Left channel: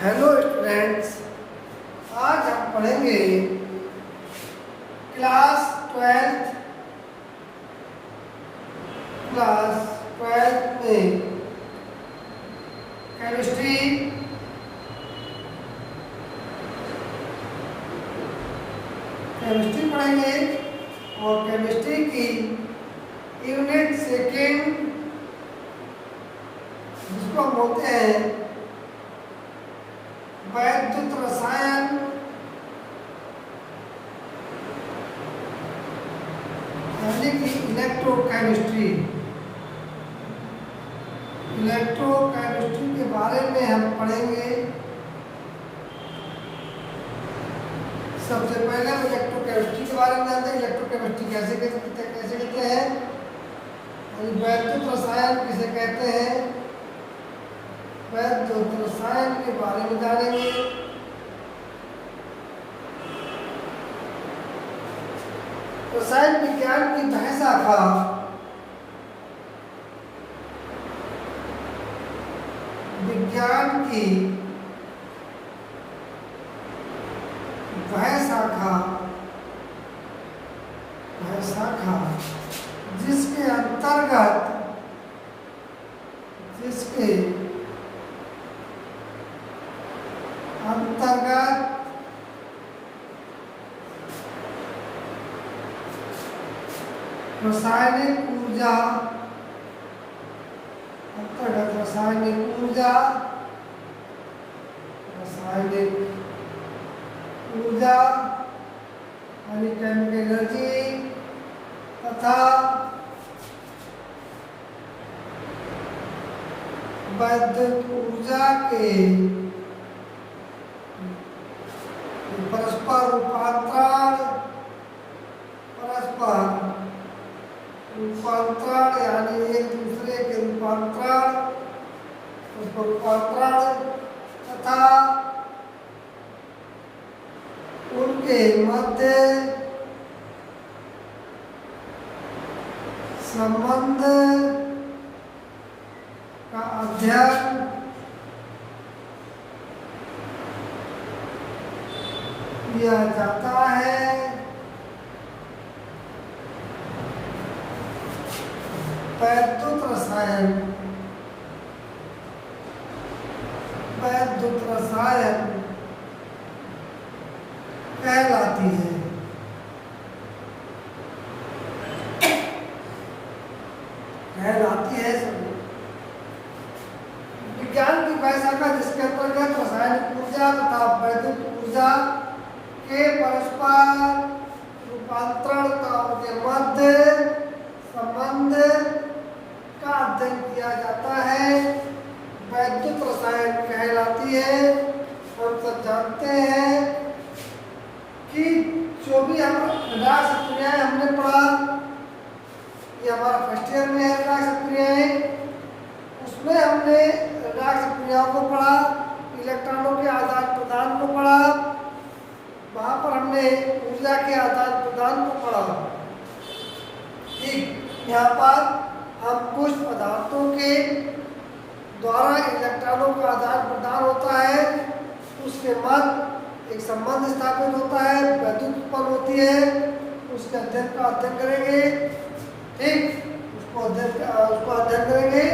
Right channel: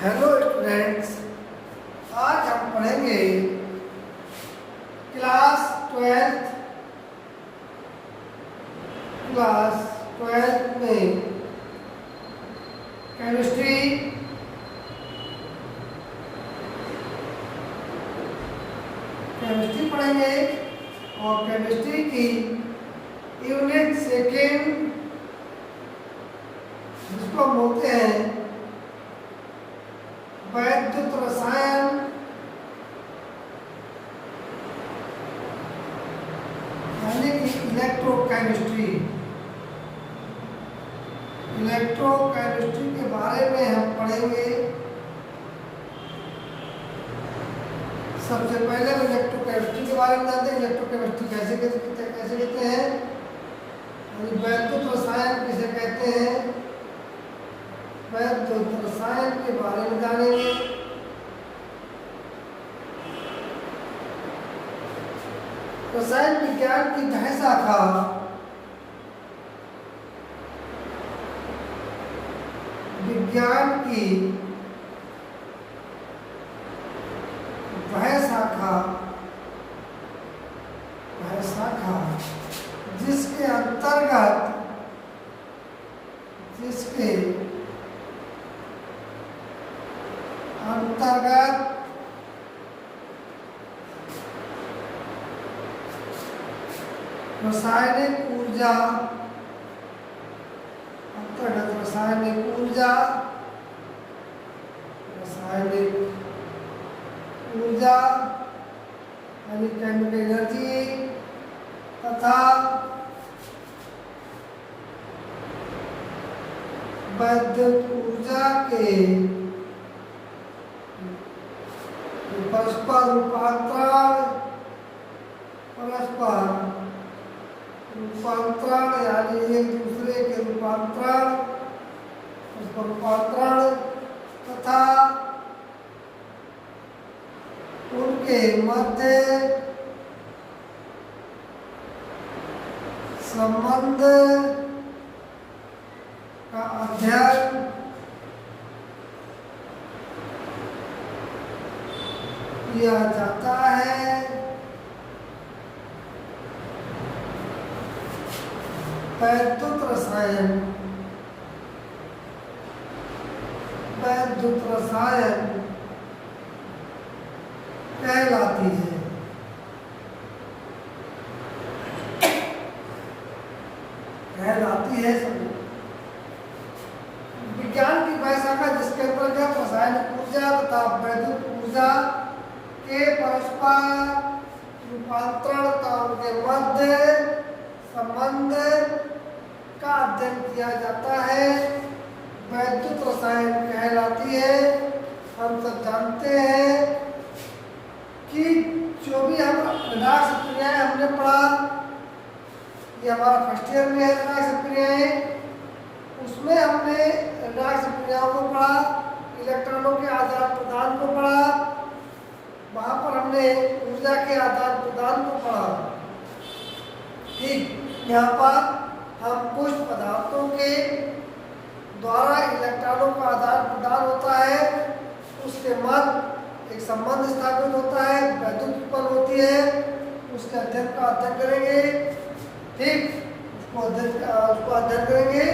Hello students, आज हम पढ़ेंगे क्लास ट्वेल्थ में केमिस्ट्री पढ़ेंगे और केमिस्ट्री की यूनिट सेकेंड जिसको हम बोलते हैं वैद्युत रसायन यानी कि इलेक्ट्रोकेमिस्ट्री के बारे में हम पढ़ेंगे। सबसे पहले हम इलेक्ट्रोकेमिस्ट्री के बारे में जानते हैं। इलेक्ट्रोकेमिस्ट्री कैसे कहते हैं, वैद्युत रसायन किसे कहते हैं, वैद्युत रसायन के बारे में जानेंगे। रसायन विज्ञान की वह शाखा जिसके अंतर्गत रासायनिक ऊर्जा यानी केमिकल एनर्जी तथा विद्युत ऊर्जा के परस्पर रूपांतरण यानी एक दूसरे के रूपांतरण तथा उनके मध्य संबंध का अध्ययन किया जाता है। वैद्युत रसायन कहलाती है सब विज्ञान की वह शाखा जिसके अंतर्गत रासायनिक ऊर्जा तथा वैद्युत ऊर्जा के परस्पर रूपांतरण का उनके मध्य संबंध का अध्ययन किया जाता है, वैद्युत रसायन कहलाती है। हम सब जानते हैं कि जो भी हम रासायनिक क्रियाएं हमने पढ़ा, ये हमारा फर्स्ट ईयर में है रासायनिक क्रियाएं, उसमें हमने रासायनिक क्रियाओं को पढ़ा, इलेक्ट्रॉनों के आदान प्रदान को पढ़ा, वहां पर हमने ऊर्जा के आदान प्रदान को पढ़ा। ठीक, यहाँ पर हम कुछ पदार्थों के द्वारा इलेक्ट्रॉनों का आदान प्रदान होता है, उसके मध्य एक संबंध स्थापित होता है, विद्युत उत्पन्न होती है, उसके अध्ययन करेंगे। ठीक, उसको अध्ययन करेंगे,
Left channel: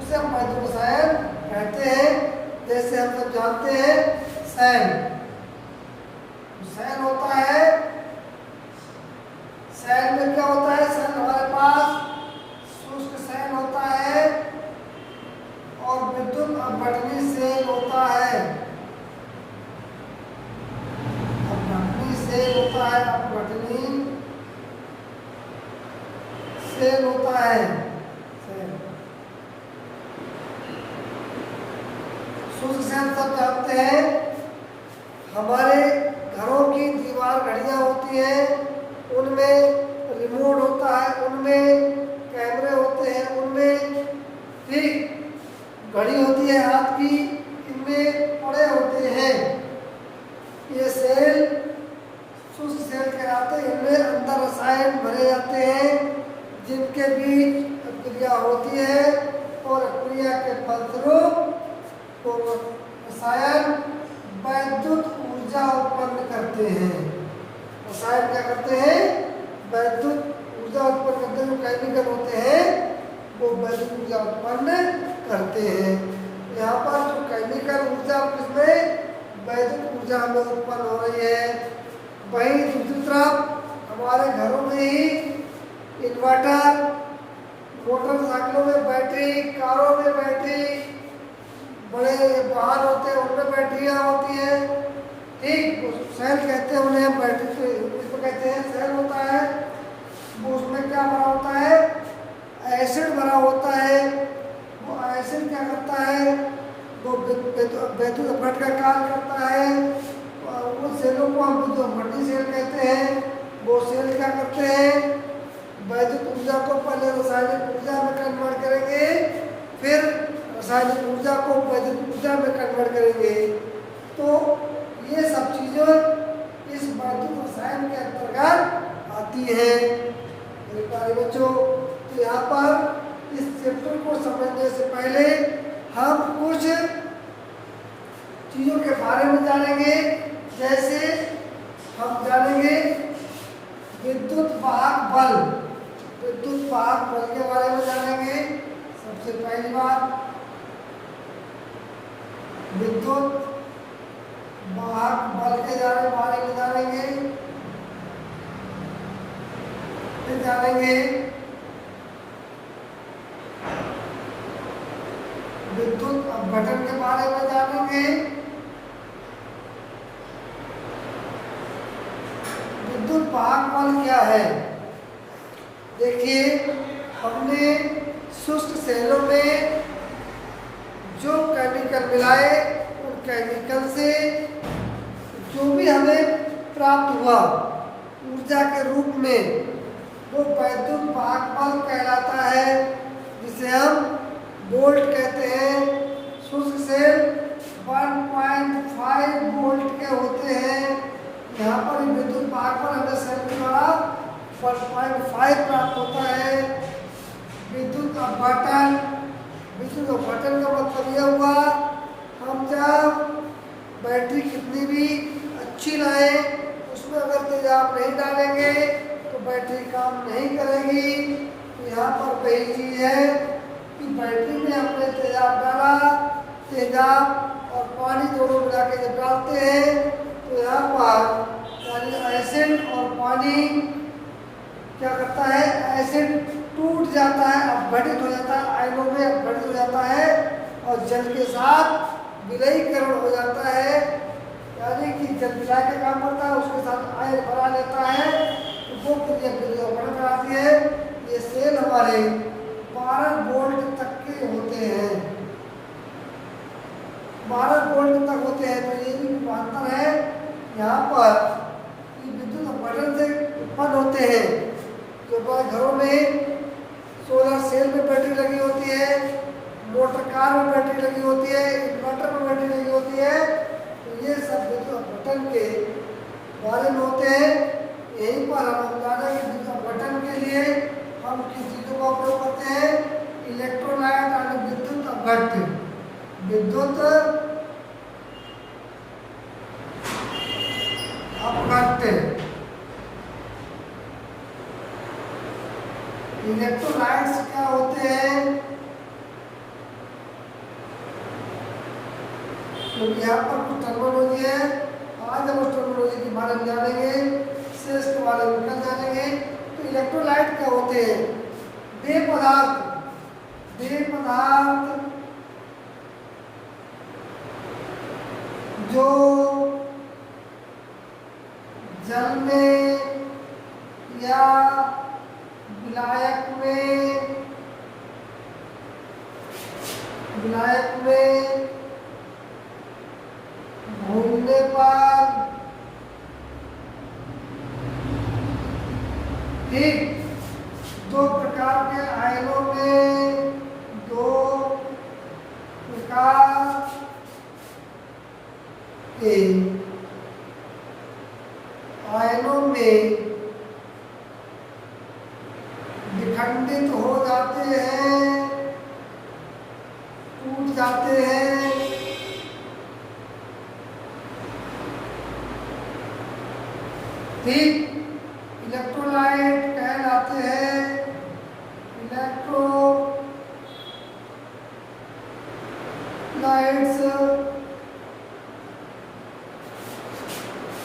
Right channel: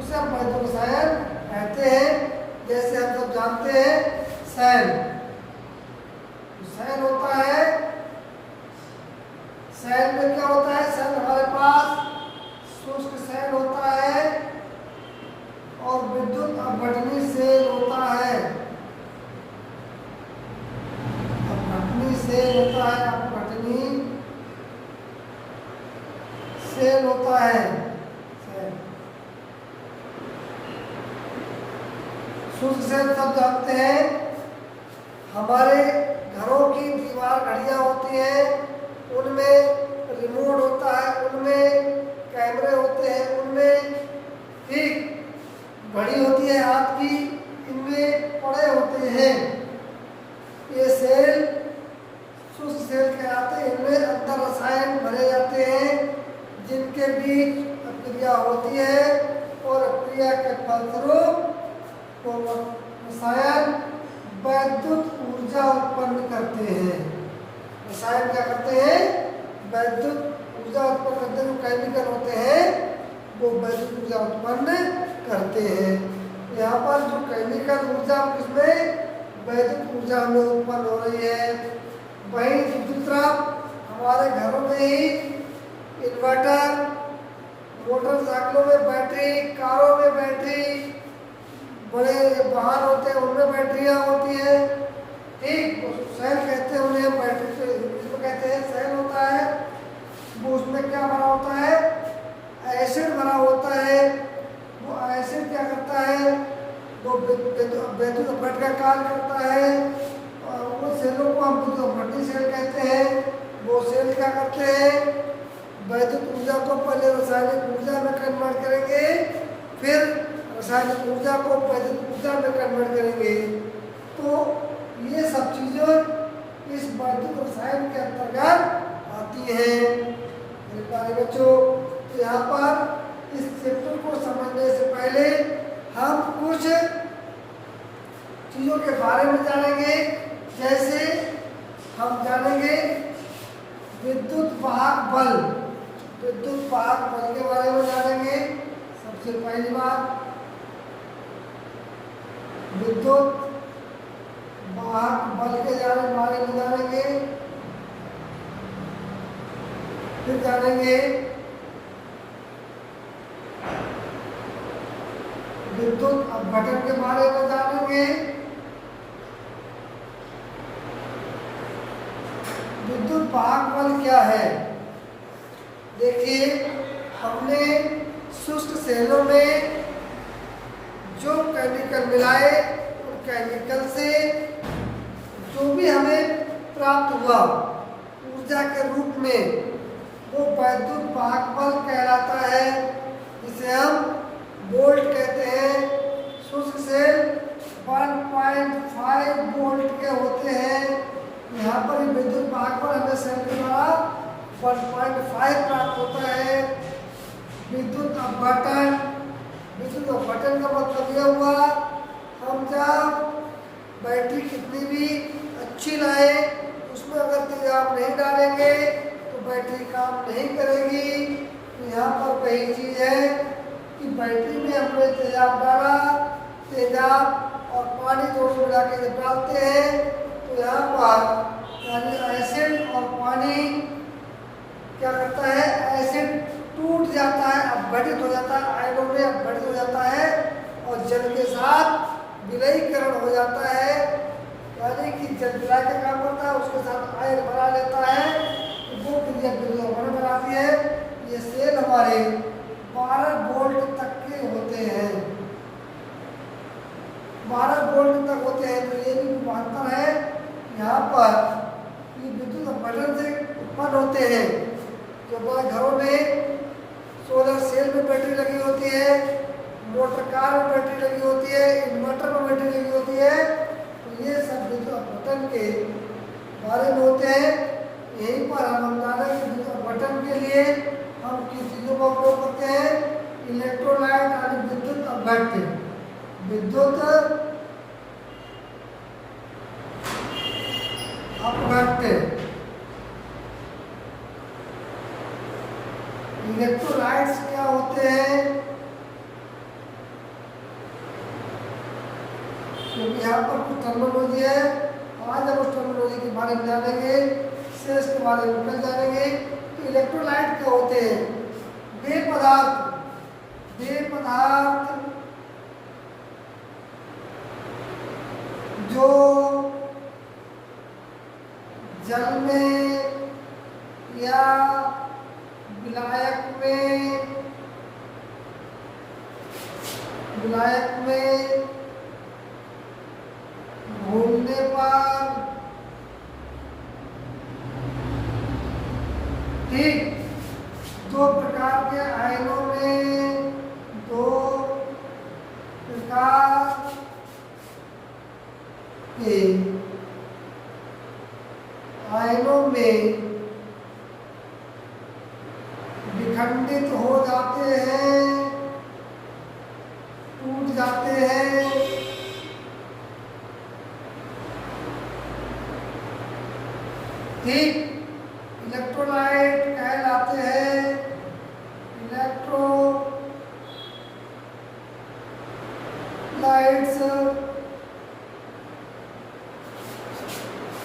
उसे हम वैद्युत रसायन कहते हैं। जैसे हम सब जानते हैं सैन होता है, सैन में क्या होता है, सैन हमारे पास शुष्क सैन होता है और विद्युत अपघटनी सेल होता है। अपघटनी सेल होता है। शुष्क सेल सब जानते हैं, हमारे घरों की दीवार घड़ियां होती हैं, उनमें रिमोट होता है, उनमें कैमरे होते हैं, उनमें ठीक घड़ी होती है हाथ की, इनमें पड़े होते हैं। ये सेल शुष्क सेल कहलाते हैं। इनमें अंदर रसायन भरे जाते हैं जिनके बीच क्रिया होती है और क्रिया के फलस्वरूप रसायन करते हैं। रसायन क्या करते हैं? वैद्युत ऊर्जा उत्पन्न करते हैं। जो केमिकल होते हैं वो वैद्युत ऊर्जा उत्पन्न करते हैं। यहाँ पर जो केमिकल ऊर्जा किसमें? वैद्युत ऊर्जा में उत्पन्न हो रही है। वहीं दूसरी तरफ हमारे घरों में ही इन्वर्टर, मोटरसाइकिलों में बैटरी, कारों में बैटरी, बड़े वाहन होते हैं उनमें बैटरियाँ होती है। ठीक, सेल कहते हैं उन्हें, बैटरी से इसको कहते हैं सेल होता है। वो उसमें क्या भरा होता है? एसिड भरा होता है। वो एसिड क्या करता है? वो वैद्युत अपघट का कार्य करता है और वो सेलों को हम विद्युत अपघटी सेल कहते हैं। वो सेल क्या करते हैं? वैद्युत ऊर्जा को पहले रासायनिक ऊर्जा में कन्वर्ट करेंगे, फिर रासायनिक ऊर्जा को वैद्युत ऊर्जा में कन्वर्ट करेंगे। तो ये सब चीज़ें इस वैद्युत रसायन के अंतर्गत आती है। मेरे प्यारे बच्चों, तो यहाँ पर इस चैप्टर को समझने से पहले हम कुछ चीज़ों के बारे में जानेंगे। जैसे हम जानेंगे विद्युत वाहक बल। विद्युत वाहक बल के बारे में जानेंगे। सबसे पहली बात विद्युत वाहक बल के बारे में जानेंगे। फिर जानेंगे विद्युत अपघटन के बारे में जानेंगे। विद्युत वाहक बल क्या है? देखिए, हमने शुष्क सेलों में जो केमिकल मिलाए, उन केमिकल से जो भी हमें प्राप्त हुआ ऊर्जा के रूप में, वो वैद्युत वाहक बल कहलाता है, जिसे हम वोल्ट कहते हैं। शुष्क सेल 1.5 वोल्ट के होते हैं। यहाँ पर विद्युत वाहक बल हमें सेल के द्वारा 1.5 प्राप्त होता है। विद्युत अपघटन, विद्युत अपघटन का मतलब यह हुआ, हम जब बैटरी कितनी भी अच्छी लाए, उसमें अगर तेजाब नहीं डालेंगे तो बैटरी काम नहीं करेगी। तो यहाँ पर पहली चीज़ है कि बैटरी में हमने तेजाब डाला, तेजाब और पानी दोनों मिला के जब डालते हैं तो यहाँ पर यानी एसिड और पानी क्या करता है? एसिड टूट जाता है, अपघटित हो जाता है, आयनों में अपघटित हो जाता है और जल के साथ विलयीकरण हो जाता है। यानी कि जल विलय का काम करता है, उसके साथ आयन बना लेता है, तो वो क्रिया विलयीकरण बनाती है। ये सेल हमारे 12 वोल्ट तक के होते हैं। 12 वोल्ट तक होते हैं। तो ये भी अंतर है यहाँ पर कि विद्युत अपघटन से उत्पन्न होते हैं। जो घरों में सोलर सेल में बैटरी लगी होती है, मोटर कार में बैटरी लगी होती है, इन्वर्टर में बैटरी लगी होती है, तो ये सब विद्युत अपघटन के बारे में होते हैं। यहीं पर हम जानेंगे विद्युत अपघटन के लिए हम किन चीज़ों का उपयोग करते हैं। इलेक्ट्रोलाइट यानी विद्युत अपघट्य। विद्युत अपघट्य, इलेक्ट्रोलाइट्स क्या होते हैं? क्योंकि यहाँ पर कुछ टर्मिनोलॉजी है, आज हम उस टर्मिनोलॉजी के बारे में जानेंगे, सेल्स के बारे में कल जानेंगे। तो इलेक्ट्रोलाइट क्या होते हैं? वे पदार्थ जो जल में या विलायक में घूमने पर, ठीक, दो प्रकार के आयनों में, दो प्रकार के आयनों में विखंडित हो जाते हैं, टूट जाते हैं। ठीक। इलेक्ट्रोलाइट कहलाते हैं इलेक्ट्रोलाइट्स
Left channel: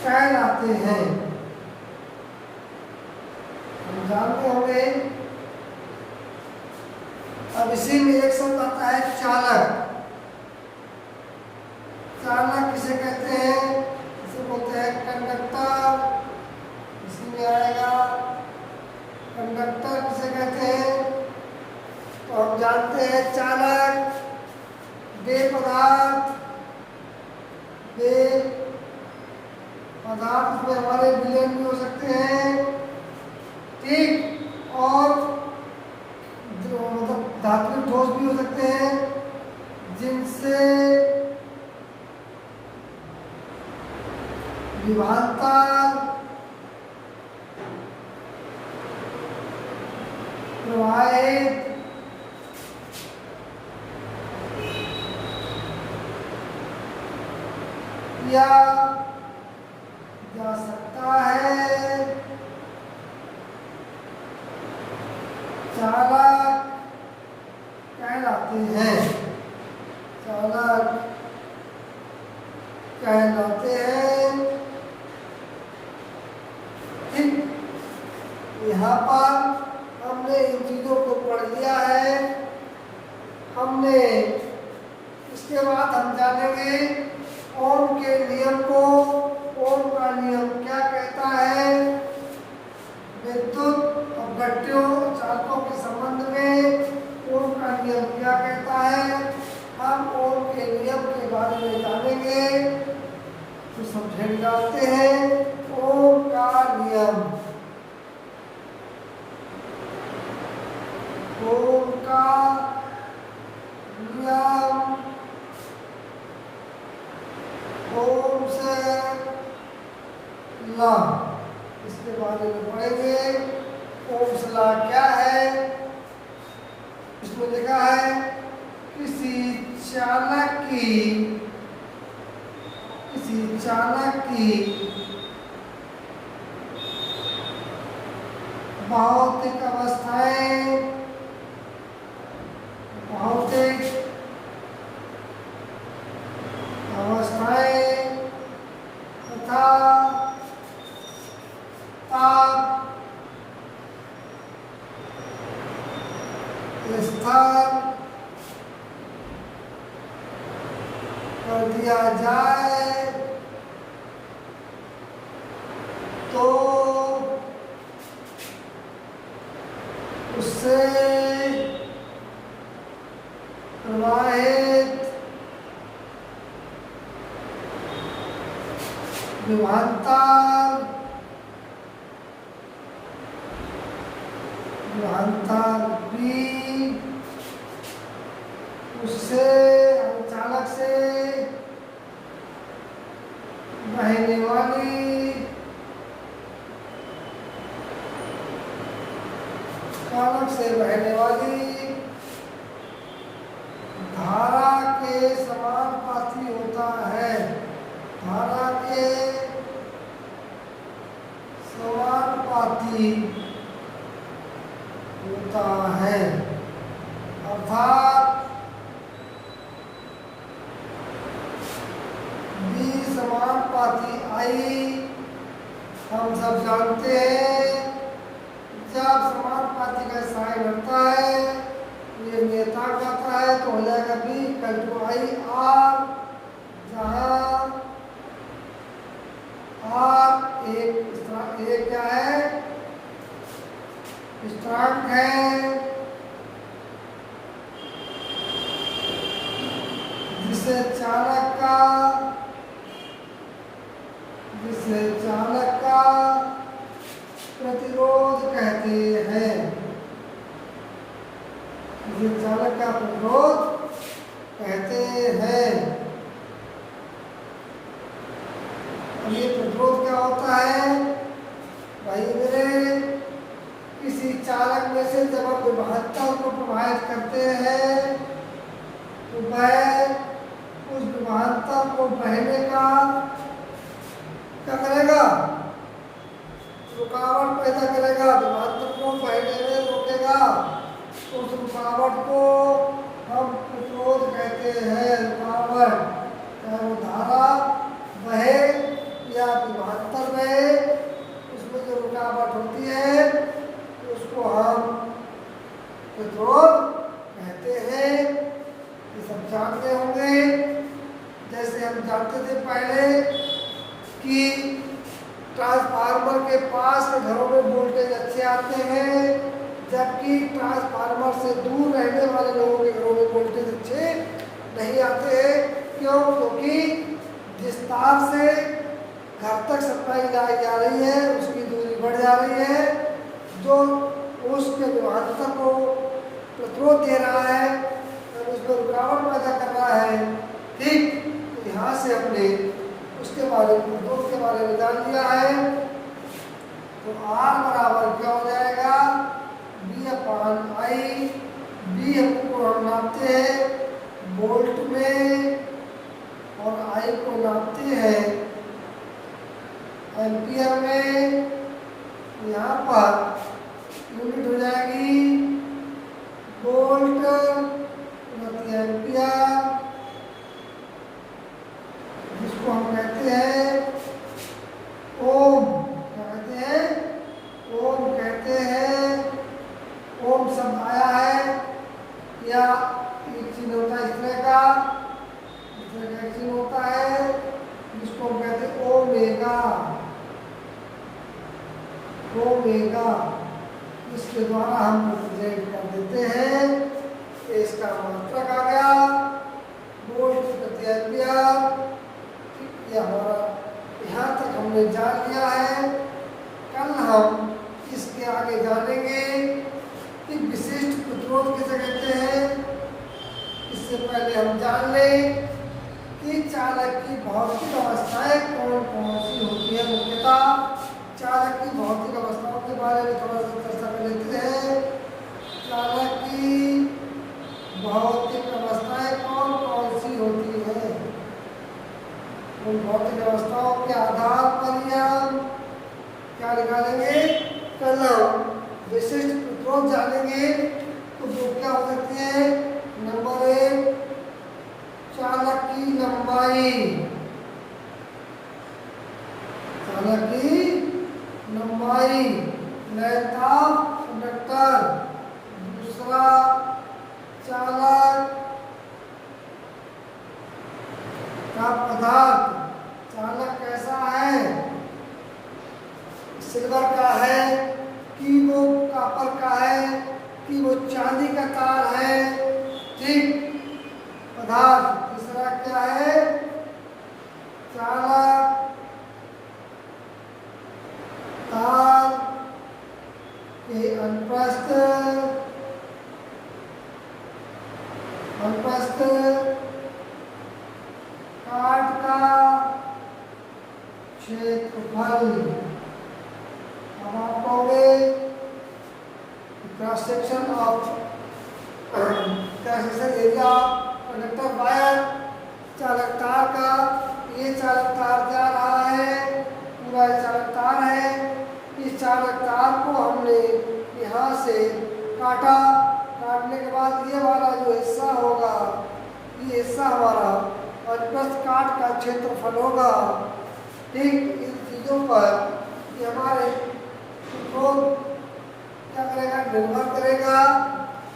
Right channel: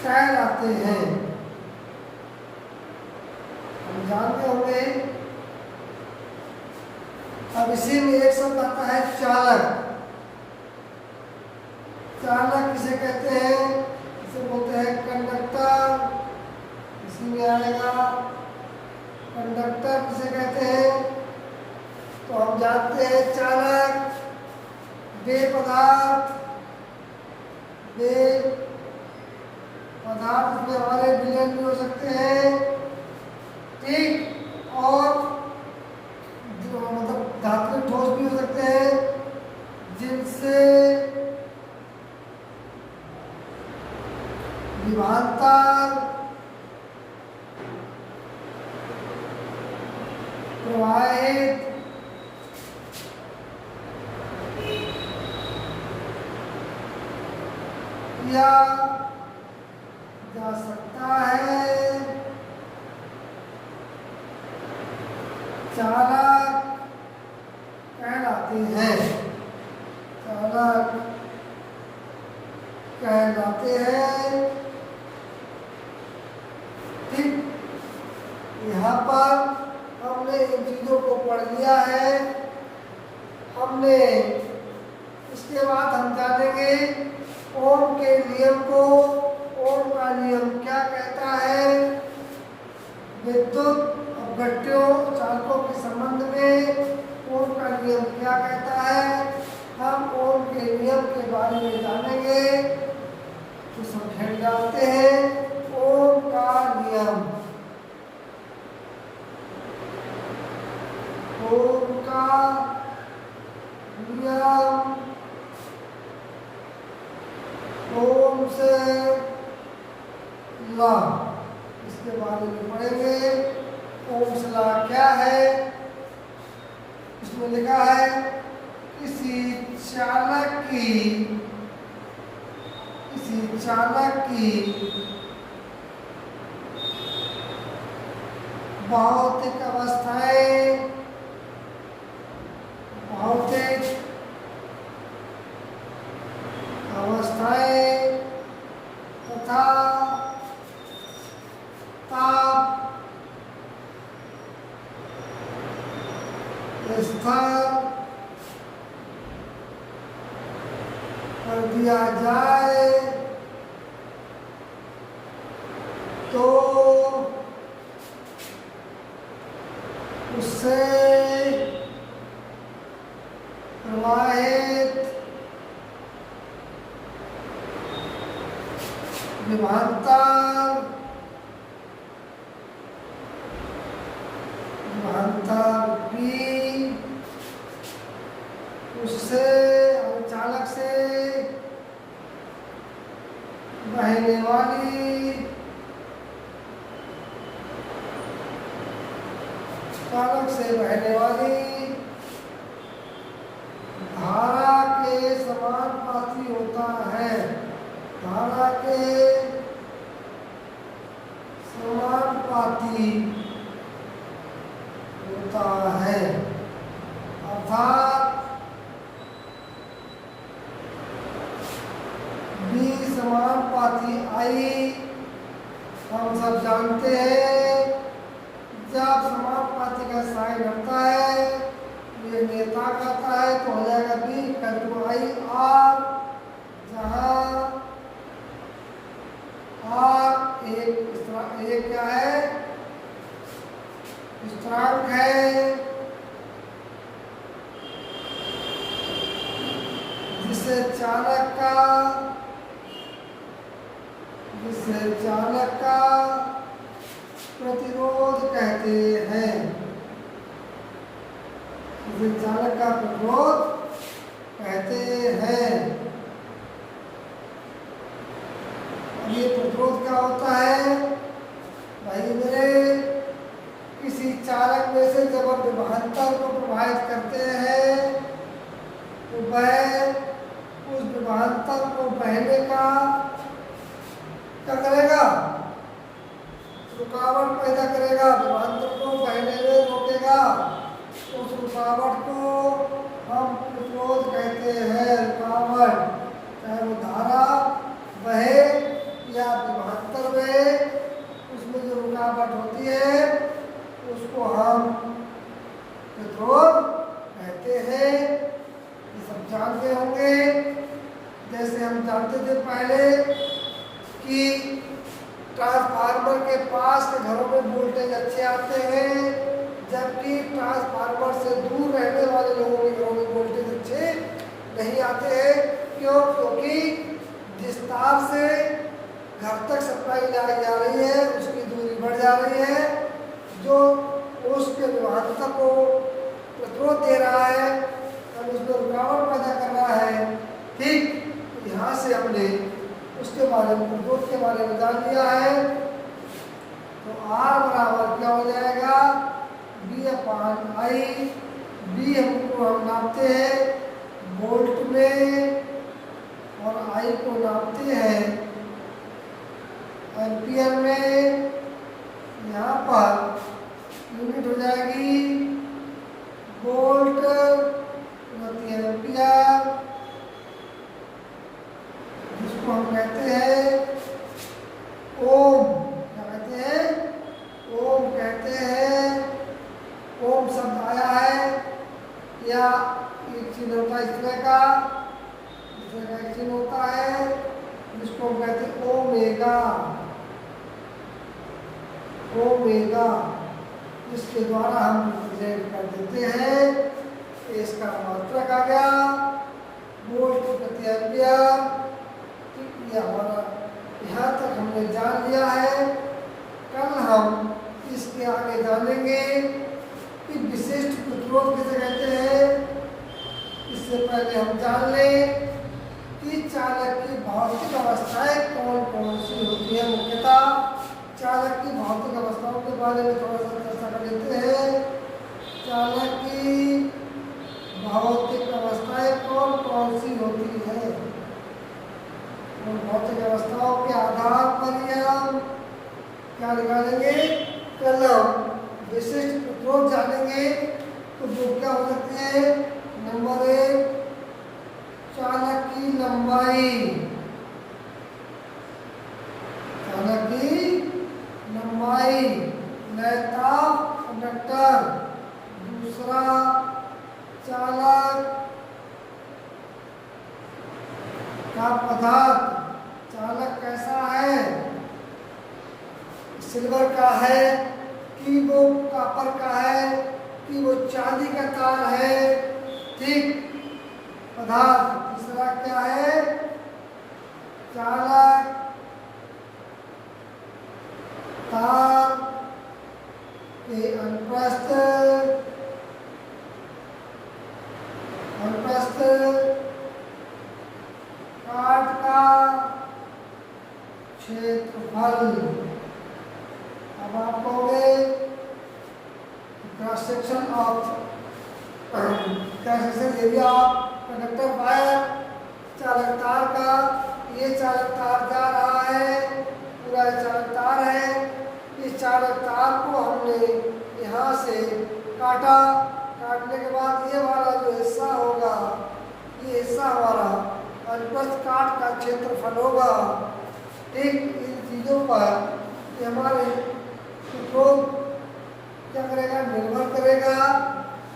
कहलाते हैं। हम जानते होंगे। अब इसी में एक शब्द आता है चालक। चालक किसे कहते हैं? इसे बोलते हैं कंडक्टर। इसी में आएगा कंडक्टर किसे कहते हैं? तो हम जानते हैं चालक वे पदार्थ में हमारे विलयन भी हो सकते हैं, ठीक, और जो मतलब धात्विक ठोस भी हो सकते हैं जिनसे विभांतर प्रवाहित किया जा सकता है। चालक कहलाते हैं। चालक कहलाते हैं। ठीक, यहाँ पर हमने इन चीजों को पढ़ लिया है। हमने इसके बाद हम जानेंगे ओम के नियम को। ओम का नियम क्या कहता है? विद्युत अपघट्यों चालकों के संबंध में ओम का नियम क्या कहता है? हम ओम के नियम के बारे में जानेंगे। तो समझ जाते हैं ओम का नियम। ओम का नियम ओम से ला, इसके बारे में पढ़ेंगे। ओम से ला क्या है? इसमें लिखा है किसी चालक की भौतिक अवस्थाएं तथा ताप स्तर कर दिया जाए तो उससे प्रवाहित विभांतर भी उससे चालक से बहने वाली धारा के समानुपाती होता है। धारा के समानुपाती होता है, अर्थात बी समानुपाती आई। हम सब जानते हैं जब समानुपाती का साइन होता है ये नियतांक आता है तो हो जाएगा B equal to I R, जहाँ आर एक क्या है? स्थिरांक है। जिसे चालक का प्रतिरोध कहते हैं। जिसे चालक का प्रतिरोध कहते हैं। अब ये प्रतिरोध क्या होता है भाई मेरे? किसी चालक में से जब आप विभांतर को प्रभावित करते हैं तो वह उस विभांतर को बहने का क्या करेगा? रुकावट पैदा करेगा, विभवांतर को बहने में रोकेगा, उस रुकावट को हम प्रतिरोध कहते हैं। रुकावट चाहे वो धारा बहे या विभवांतर में, उसमें जो रुकावट होती है उसको हम प्रतिरोध कहते हैं। ये सब जानते होंगे। जैसे हम जानते थे पहले कि ट्रांसफार्मर के पास के घरों में वोल्टेज अच्छे आते हैं, जबकि ट्रांसफार्मर से दूर रहने वाले लोगों के घरों में वोल्टेज अच्छे नहीं आते हैं। क्यों? क्योंकि जिस तार से घर तक सप्लाई लाई जा रही है उसकी दूरी बढ़ जा रही है, जो उसके विभवांतर को प्रतिरोध दे रहा है और उसमें रुकावट पैदा कर रहा है। ठीक, तो यहाँ से हमने उसके बारे में, प्रतिरोध के बारे में जान लिया है। तो R बराबर क्या हो जाएगा? B/I। B हमको हम नापते हैं वोल्ट में और I को नापते हैं एम्पियर में। यहाँ पर यूनिट हो जाएगी वोल्ट प्रति एम्पियर, जिसको हम कहते हैं ओम। क्या कहते हैं? ओम कहते हैं। ओम शब्द आया है या एक चिन्ह होता है इस तरह का, एक चिन्ह होता है जिसको हम कहते हैं ओमेगा। ओमेगा इसके द्वारा हम रिप्रेजेंट कर देते हैं। इसका मात्रक आ गया वोल्ट प्रति एम्पियर। यह हमारा यहाँ तक हमने जान लिया है। कल हम इसके आगे जानेंगे कि विशिष्ट प्रतिरोध किसे कहते हैं। इससे पहले हम जान लें कि चालक की भौतिक अवस्थाएं कौन कौन सी होती है। मुख्यतः चालक की भौतिक अवस्थाओं के बारे में थोड़ा सा चर्चा कर लेते हैं। चालक की भौतिक अवस्थाएं कौन कौन सी होती है, उन भौतिक अवस्थाओं के आधार पर हम क्या निकालेंगे? पहले हम विशिष्ट प्रतिरोध जानेंगे। तो वो क्या हो सकती है? नंबर 1, चालक की लंबाई। चालक की लंबाई, लयता कंडक्टर। दूसरा, चालक का पदार्थ। चालक कैसा है? सिल्वर का है कि वो कॉपर का है कि वो चांदी का तार है। ठीक, पदार्थ। तीसरा क्या है? चालक तार के अनुप्रस्थ काट का क्षेत्रफल। अब आप कहोगे cross section of area conductor wire, चालक तार का। ये चालक तार जा रहा है, पूरा चालक तार है। इस चालक तार को हमने यहाँ से काटा। काटने के बाद ये वाला जो हिस्सा होगा, ये हिस्सा हमारा अनुप्रस्थ काट का क्षेत्रफल होगा। ठीक, इन चीज़ों पर ये हमारे प्रतिरोध क्या करेगा? निर्भर करेगा।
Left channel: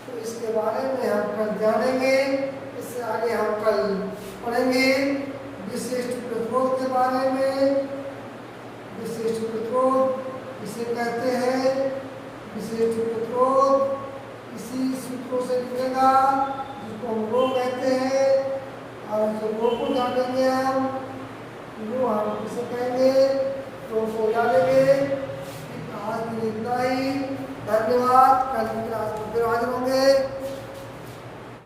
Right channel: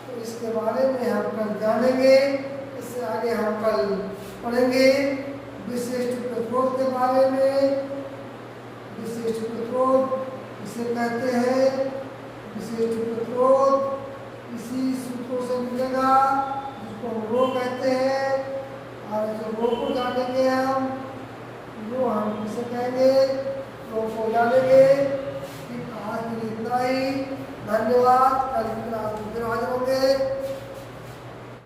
तो इसके बारे में हम कल जानेंगे। इससे आगे हम कल पढ़ेंगे विशिष्ट प्रतिरोध के बारे में। विशिष्ट प्रतिरोध इसे कहते हैं। विशिष्ट प्रतिरोध इसी सूत्रों से मिलेगा जिसको हम रो कहते हैं। और जो रो को जानेंगे हम, वो हम किसे कहेंगे? रो को जानेंगे। आज के लिए इतना ही। धन्यवाद।